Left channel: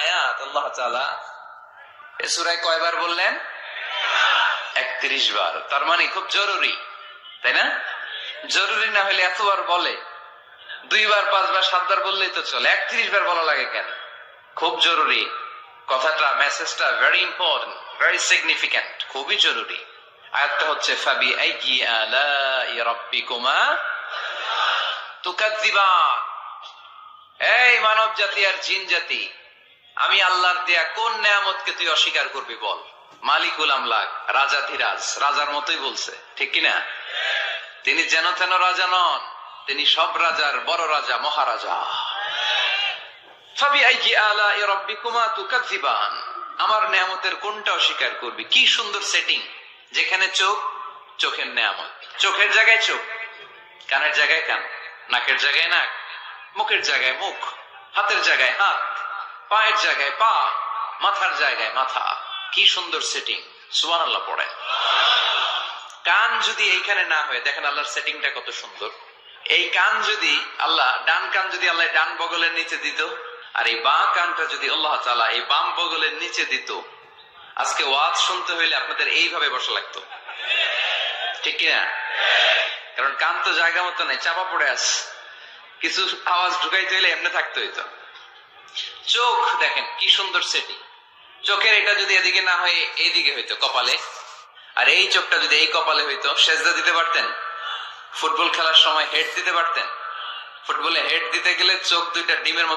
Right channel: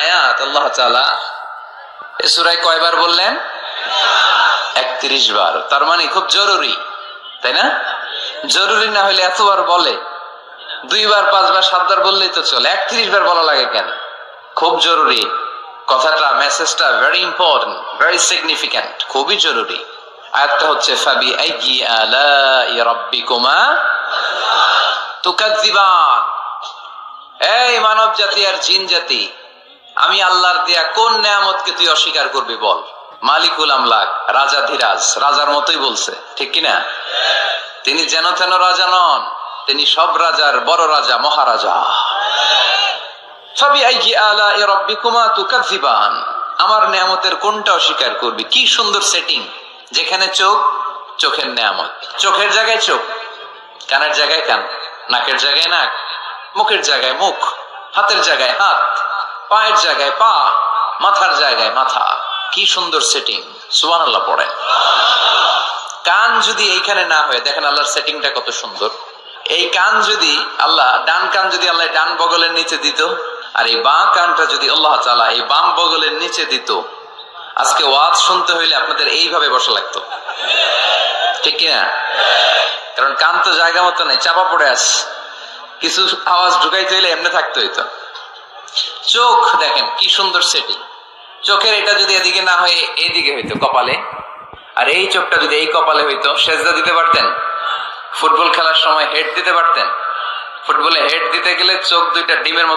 আয়াত আল্লাহ তাআলা এই সূরায় কয়বার বললেন? 31 বার। তার মানে খুব জরুরি, তাই না? জরুরি না হলে এতবার বলে? 2 বার 5 বার 7 বার বললেই তো চলে, 31 বার বলা লাগে কেন? খুব জরুরি কথাটা, মেসেজটা ভেরি ইম্পর্টেন্ট, ভেরি সিগনিফিক্যান্ট, খুবই জরুরি। আয়াতটা হচ্ছে ফাবি আইয়ি আলাই রাব্বিকুমা তুকাজ্জিবান। এই মানব জাতি আর জিন জাতি, আমি আল্লাহর দেয়া কোন নেয়ামতকে তুই অস্বীকার করবি বল? মালিকুল আমলাক, রাজাধিরাজ, রাজার মতোই বলছে, ঠিক কিনা? তিনি যেন তেন রাজা নন, তিনি সব রাজার বড় রাজা, মহারাজা। ফাবি আইয়ি আলাই রাব্বিকুমা তুকাজ্জিবান, আমার নেয়ামতের কোনটা অস্বীকার করবি? কি সুন্দর সেটিং, যেখানে চোখ, চোখের নেয়ামত, চোখের জায়গায় চোখ, কানের জায়গায় কান, নাকের জায়গায় নাক, মুখের জায়গায় মুখ, হাতের জায়গায় হাত, পায়ের জায়গায় পা, মাথার জায়গায় মাথা। কি সুন্দর সেটিং, সুবহানাল্লাহ পড়েন। কান যদি এইখানে না হয়, দেখেন আল্লাহর সেটিংটা কত সুন্দর। এই কান যদি আল্লাহ, ডান কান যদি আল্লাহ ডান বগলের নিচে দিত, আর এই বাম কানটা যদি আল্লাহ তাআলা এই বাম বগলের নিচে দিত, আজকে ওয়াজ শুনতে হইলে আপনাদের এইভাবে বসা লাগতো, ঠিক কিনা? কারণ কান তো জায়গা মতো নেই, চাপা পড়ে আছে, কিছু আওয়াজ ঢুকাইতে হইলে এমনি থাকতে হইতো। চোখ দেখেন কি সুন্দর সেটিং, চোখের এটা যদি এদিকে না হয়ে এইদিকে হইতো কপালে, আর এই চোখটা যদি এই কপালে হইতো, সেজদা দিতে পারতেন? ফুটবল খেলার সময় হেড দিতে পারতেন? ফুটবলে হেড দিতে গেলে চোখ দুইটা ডিমের মতো